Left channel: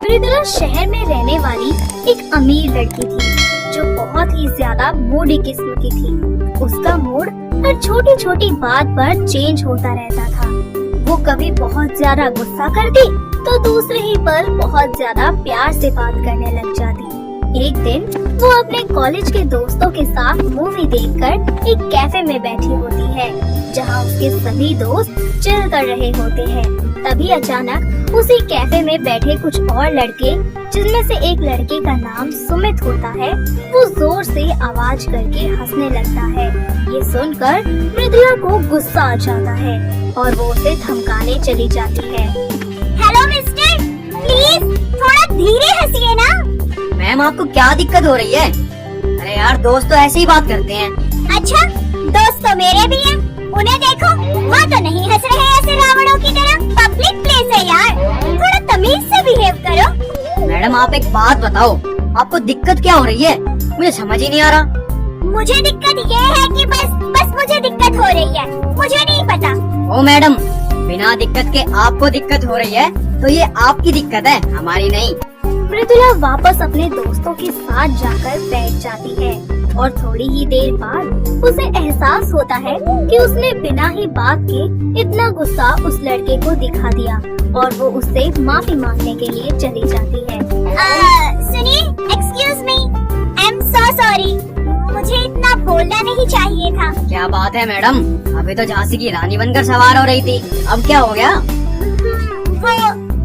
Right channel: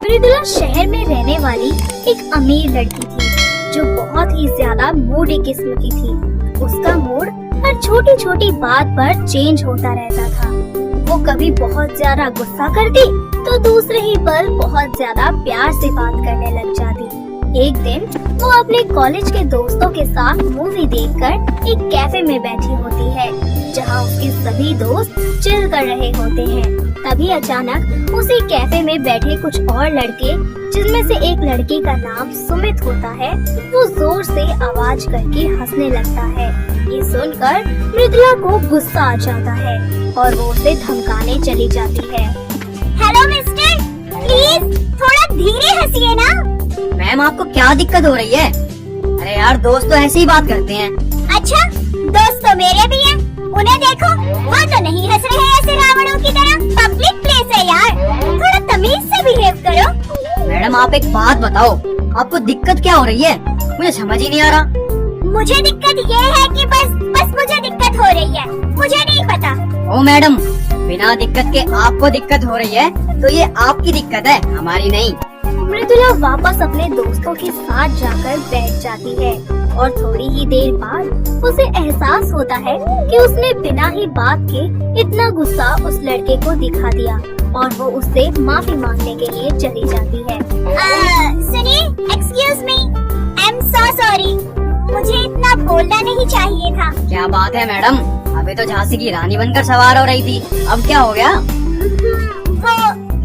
मृदुला शहर में रहने वाली एक अमीर लड़की थी जो बहुत ही ज्यादा मूडी किस्म की थी। उसका मूड हर छोटी छोटी बात पर चेंज होता रहता था। वो कभी बहुत ज्यादा गुस्सा करती तो दूसरे ही पल बहुत ज्यादा प्यार से बात करने लग जाती। एक दिन वो अपने कॉलेज के दोस्तों के साथ मूवी देखकर एक कैफे में बैठी होती है जहाँ उसके सभी दोस्त चिल कर रहे होते हैं। तभी अचानक उसी कैफे में बैठे कुछ और लड़के, जिनमें से एक लड़के का नाम सुमित होता है, वो जोर से आवाज करके हंसने लगता है। ये सुनकर मृदुला को गुस्सा आ जाता है और वो उसे धमकाने चली जाती है। हेलो मिस्टर, प्लीज थोड़ा धीरे हंसिए ना। मैम आपको क्या दिक्कत हो रही है? अरे यार दोस्त तो ऐसे ही बात करते हैं। अच्छा, दोस्त तो मेरे भी हैं। उन्हें देखो, वह तो नहीं हंस रहे ऐसे रावणों की तरह। पब्लिक प्लेस है यार, थोड़ा तमीज से बिहेव करो। मैडम आप एक बात बताओ, आपको दिक्कत क्या हो रही है? मुझे समझ ही नहीं आ रहा। मुझे दिक्कत ये है कि बस मुझे दिक्कत हो रही है, मुझे नहीं पता। ओ मैडम, बिना दिक्कत के आपको दिक्कत हो रही है तो ये आपकी दिक्कत है, हमारी नहीं। मृदुला वापस अपने दोस्तों के साथ जाकर बैठ जाती है और थोड़ी ही देर बाद उसे एहसास होता है कि उसने बिना ही बात के इतना गुस्सा उस लड़के को दिखा दिया और वो उससे माफी मांगने के लिए चली जाती है। सुनिए, excuse me, I am so sorry, मुझे इतना बोलना नहीं चाहिए था। क्या बात है मैडम, अभी तो झांसी की रानी बनकर सवार हो रही थी, अब क्या हो गया? वो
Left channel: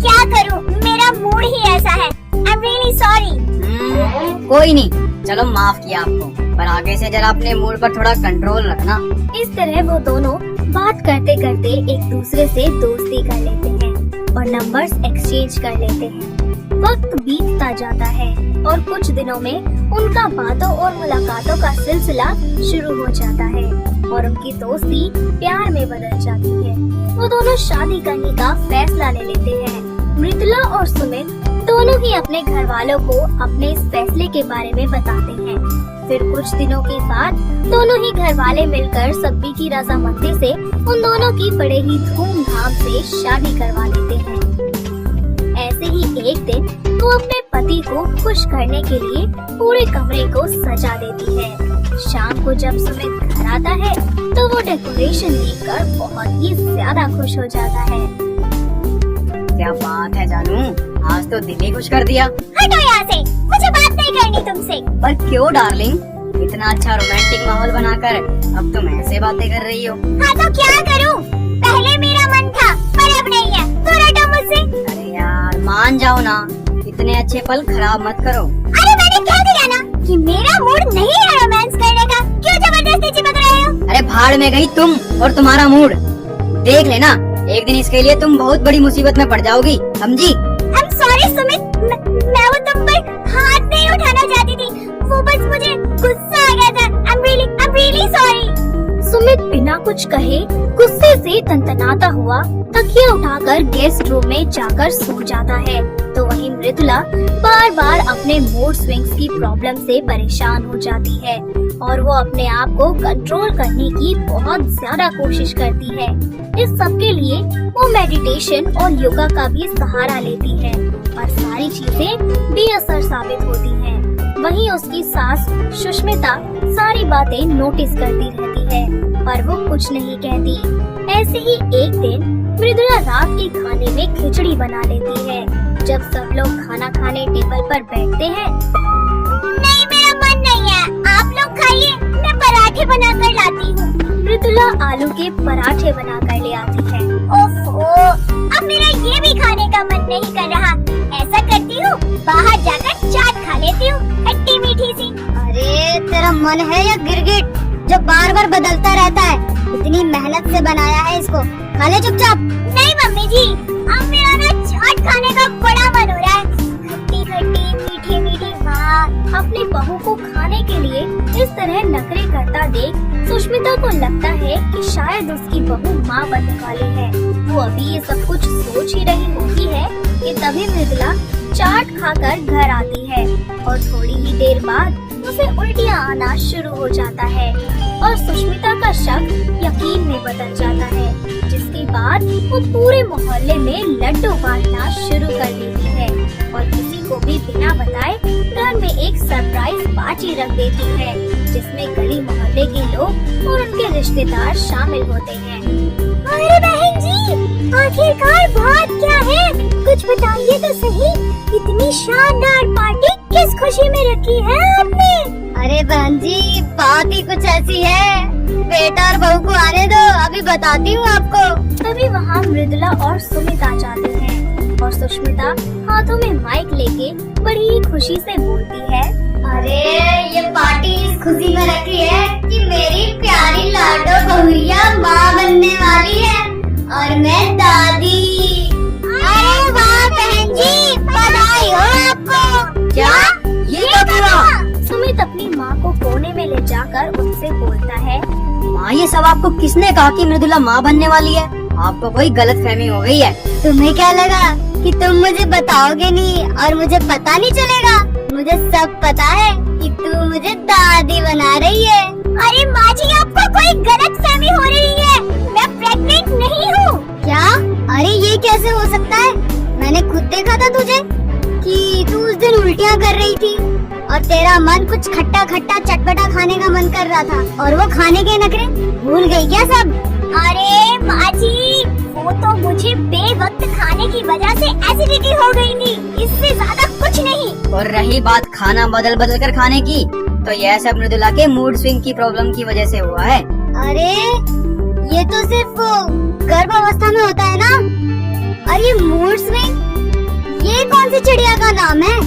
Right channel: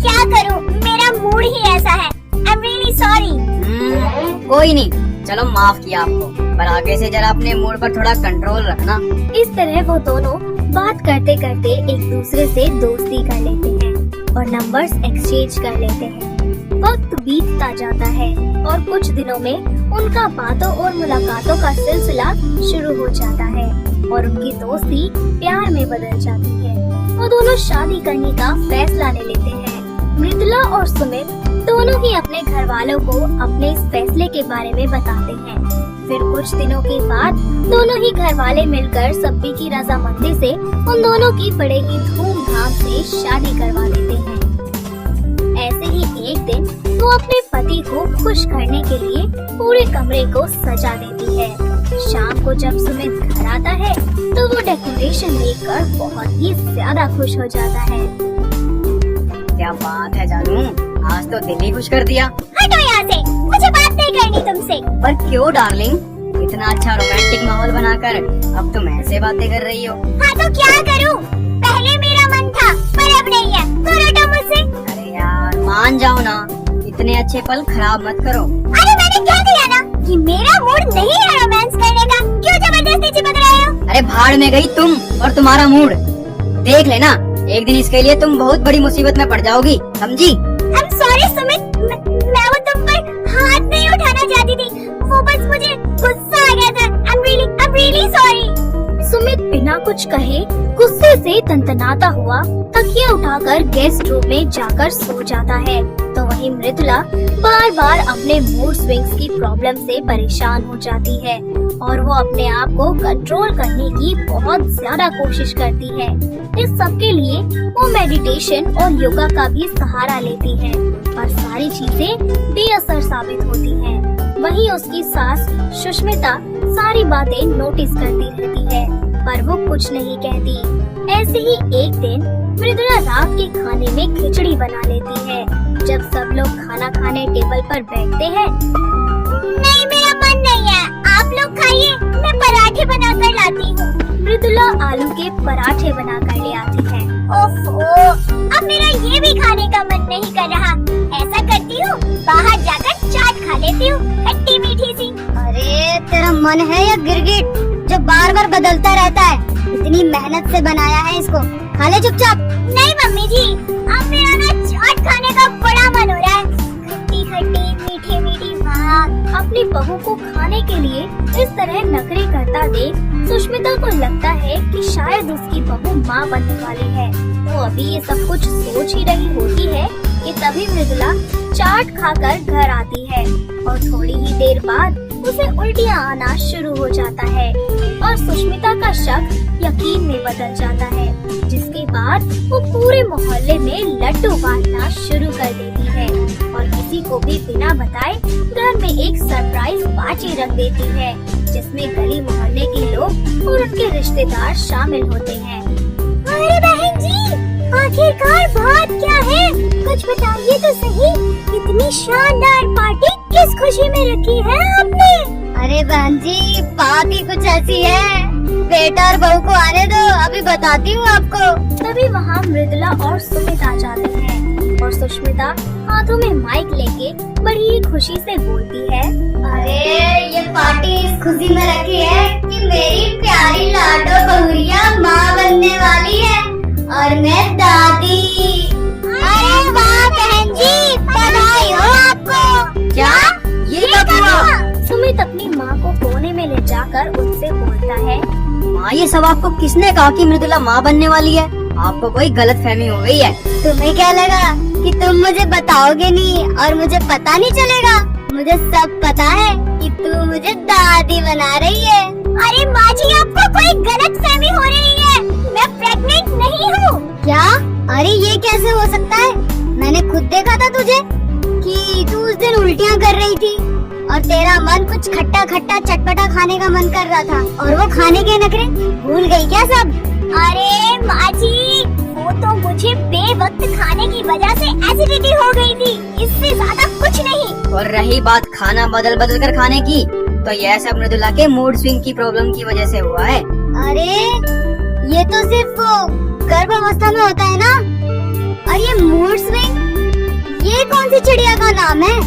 क्या करूं, मेरा मूड ही ऐसा है। I am really sorry. कोई नहीं, चलो माफ किया आपको, पर आगे से जरा अपने मूड पर थोड़ा कंट्रोल रखना। इस तरह वो दोनों बात करते करते एक दूसरे से दोस्ती कर लेते हैं और नंबर्स एक्सचेंज कर लेते हैं। वक्त बीतता जाता है और कुछ दिनों में उनका बातों और मुलाकातों का सिलसिला शुरू हो जाता है और उनकी दोस्ती प्यार में बदल जाती है। वो दोनों शादी करने का फैसला ले लेते हैं। मृदुला और सुमित दोनों ही अपने घर वालों को अपने इस फैसले के बारे में बताते हैं। फिर कुछ दिनों के बाद दोनों ही घर वाले मिलकर सभी की रजामंदी से उन दोनों की बड़े ही धूमधाम से शादी करवा देते हैं। ऐसे ही एक दिन वो अपने पति को खुश करने के लिए पूरे कमरे को सजा देती है। शाम को जब सुमित घर आता है तो वो डेकोरेशन देखकर बहुत ही ज्यादा खुश हो जाता है। क्या बात है जानू, आज तो दिल ही खुश कर दिया। हटो यहाँ से, मुझे बात नहीं करनी तुमसे। पर क्यों डार्लिंग, इतना अच्छा रोमांटिक माहौल बनाकर अब तुम ऐसे बातें कर रही हो? हाँ तो क्या करूँ, पहले मेरा मन था पर अब नहीं है, तो हटो मुझसे। अरे यार मान जाओ ना, इतने अच्छे पल खराब मत करो। अरे मैंने क्या दिया ना कि मेरा मूड नहीं है रोमांस करने का, क्यों जबरदस्ती चिपक रहे हो? अरे भाड़ में गई तुम और तुम्हारा मूड। देख लेना, एक दिन इसके लिए तुम बहुत बड़ी मुसीबत में पड़ जाओगी, समझी? आई एम सॉरी सुमित, मैं वो तुम पर हाथ नहीं उठाना चाहती थी, वो बस मुझे गुस्सा आ गया था। I am really sorry. Sumit बिना कुछ कहे गुस्से से तनतनाता हुआ तकिया उठाकर गेस्ट रूम में जाकर सो जाता है। तो वहीं मृदुला बार बार अपने मूड स्विंग्स की प्रॉब्लम से परेशान हो जाती है और वो अपने आप को कंट्रोल करने की बहुत ज्यादा कोशिश करती है। इस सब के लिए वो मेडिटेशन और योगा का भी सहारा लेती है, पर सारी चीजें बेअसर साबित होती हैं। वहीं उसकी सास सुष्मिता सारी बातें नोटिस करती रहती है, पर वो कुछ नहीं कहती। ऐसे ही एक दिन मृदुला रात के खाने में खिचड़ी बना लेती है। जब सब लोग खाना खाने टेबल पर बैठते हैं, नहीं मेरा मन नहीं है, आप लोग खाइए, मैं पराठे बनाकर लाती हूँ। मृदुला आलू के पराठे बनाकर ले आती है। ओफो, अब मेरा ये भी खाने का मन नहीं कर रहा। ऐसा करती हूँ, बाहर जाकर चाट खा लेती हूँ, खट्टी मीठी सी। अरे तेरा मन है या गिरगिट जो बार बार बदलता रहता है? इतनी मेहनत से बनाया है इसको, खा ले चुपचाप। नहीं मम्मी जी, अब मेरा ना चाट खाने का बड़ा मन हो रहा है। खट्टी खट्टी मीठी मीठी माँ। अपनी बहू को खाने के लिए इस तरह नखरे करता देख सुष्मिता को लगता है कि शायद उसकी बहू माँ बनने वाली है। वो अभी ये सब कुछ सोच ही रही होती है कि तभी मृदुला चाट खाकर घर आती है और थोड़ी ही देर बाद उसे उल्टियाँ आना शुरू हो जाता है और सुष्मिता का शक यकीन में बदल जाता है, जिसके बाद वो पूरे मोहल्ले में लड्डू बांटना शुरू कर देती है और एक सरप्राइज पार्टी रख देती है जिसमें गली मोहल्ले के लोग और उनके रिश्तेदार शामिल होते हैं। अरे बहन जी, आखिरकार बात क्या है? कुछ बताइए तो सही। इतनी शानदार पार्टी किस खुशी में रखी है आपने? अरे बहन जी, बात ही कुछ ऐसी है। बेटा और बहू को आने दो, अभी बताती हूँ आपको। तभी वहाँ मृदुला और सुमिता जाते हैं और सुष्मिता हाथों में माइक लेके बड़ी ही खुशी से बोलती है, अरे ये पार्टी इस खुशी में रखी है कि मेरी प्यारी लाडो बहुरिया माँ बनने वाली है और मैं दादी। अरे वाह बहन जी, बधाई हो आपको। क्या ये कब हुआ? सुमित अपनी माँ को कोने में ले जाकर उनसे बोलता है, माँ, ये सब आपको किसने कहा कि मृदुला माँ बनने वाली है? आपको कोई गलत फहमी हो गई है। तुम्हें क्या लगा कि तुम मुझे बताओगे नहीं और मुझे पता नहीं चलेगा? मुझे सब पता है कि तू मुझे दादी बना रही है। अरे माँ जी, आपको कोई गलत फहमी हो रही है। मैं प्रेग्नेंट नहीं हूँ। क्या? अरे ये कैसे हो सकता है? मैंने खुद देखा था तुझे कि तू उस दिन उल्टियाँ कर रही थी और तेरा मन कुछ खट्टा खट्टा चटपटा खाने का मन कर रहा था और वो खाने के नखरे भूल गई क्या सब? अरे माँ जी, वो तो मुझे बेवक्त खाने की वजह से एसिडिटी हो गई थी, इससे ज्यादा कुछ नहीं। और रही बात खाना बदल बदल कर खाने की, तो यह सब मृदुला के मूड स्विंग की प्रॉब्लम की वजह से हुआ है। अरे ये तो सिर्फ गर्भावस्था में होता है ना। और ये मूड स्विंग, ये कौन सी चिड़िया का नाम है?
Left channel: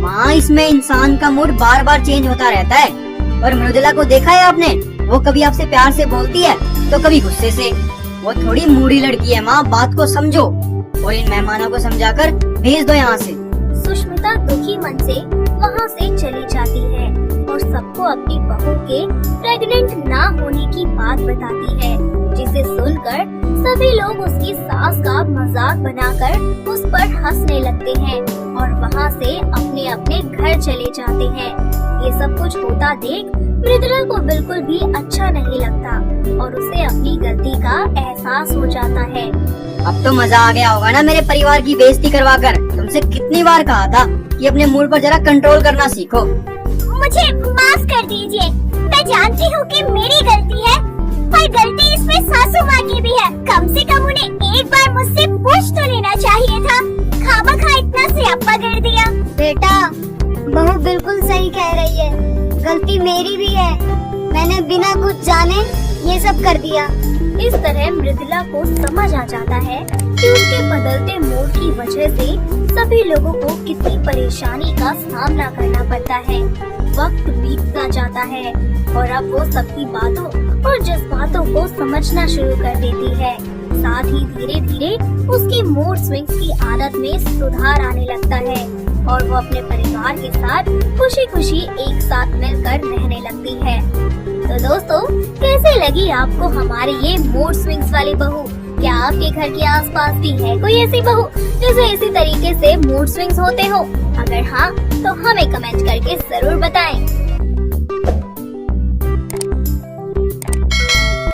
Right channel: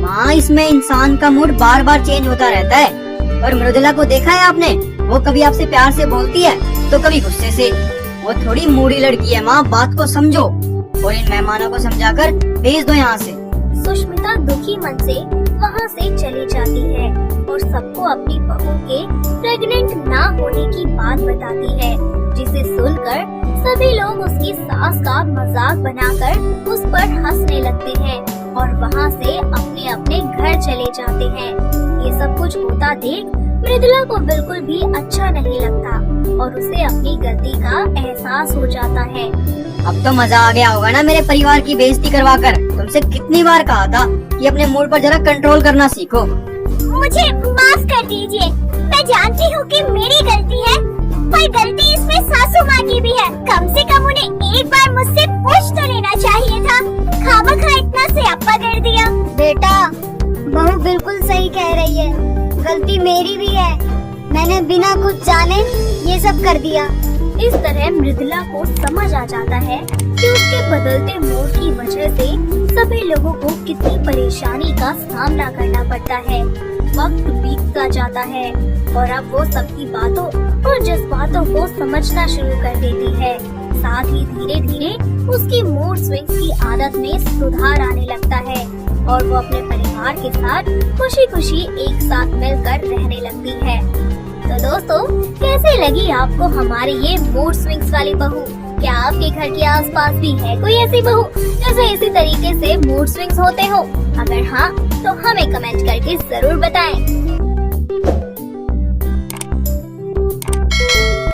माँ, इसमें इंसान का मूड बार बार चेंज होता रहता है। और मृदुला को देखा है आपने? वो कभी आपसे प्यार से बोलती है तो कभी गुस्से से। वो थोड़ी मूडी लड़की है माँ, बात को समझो और इन मेहमानों को समझाकर भेज दो यहाँ से। सुष्मिता दुखी मन से वहाँ से चली जाती है और सबको अपनी बहू के प्रेग्नेंट ना होने की बात बताती है, जिसे सुनकर सभी लोग उसकी सास का मजाक बनाकर उस पर हंसने लगते हैं और वहाँ से अपने अपने घर चले जाते हैं। ये सब कुछ होता देख मृदुला को बिल्कुल भी अच्छा नहीं लगता और उसे अपनी गलती का एहसास हो जाता है। अब तो मजा आ गया होगा ना मेरे परिवार की बेइज्जती करवाकर। तुमसे कितनी बार कहा था कि अपने मूड पर जरा कंट्रोल करना सीखो। मुझे माफ कर दीजिए। मैं जानती हूँ कि मेरी गलती है, पर गलती इसमें सासू माँ की भी है। कम से कम उन्हें एक बार मुझसे पूछ तो लेना चाहिए था। खामखा इतना स्यापा कर दिया। बेटा, बहू बिल्कुल सही कह रही है, गलती मेरी भी है। मैंने बिना कुछ जाने ये सब कर दिया। इस तरह मृदुला को समझ आ जाता है कि उसके बदलते मूड की वजह से सभी लोगों को कितनी परेशानी का सामना करना पड़ता है। वक्त बीतता जाता है और अब वो सबकी बातों और जज्बातों को समझना शुरू कर देती है। साथ ही धीरे धीरे उसकी मूड स्विंग्स की आदत में सुधार आने लगता है और वो अपने परिवार के साथ खुशी खुशी एक साथ मिलकर रहने लगती है। तो दोस्तों, कैसे लगी आपको हमारी ये मूड स्विंग्स वाली बहू? क्या आपके घर के आसपास भी है कोई ऐसी बहू जैसे इसी तरीके से मूड स्विंग्स होते हो? अगर हाँ, तो हमें कमेंट करके जरूर बताएं।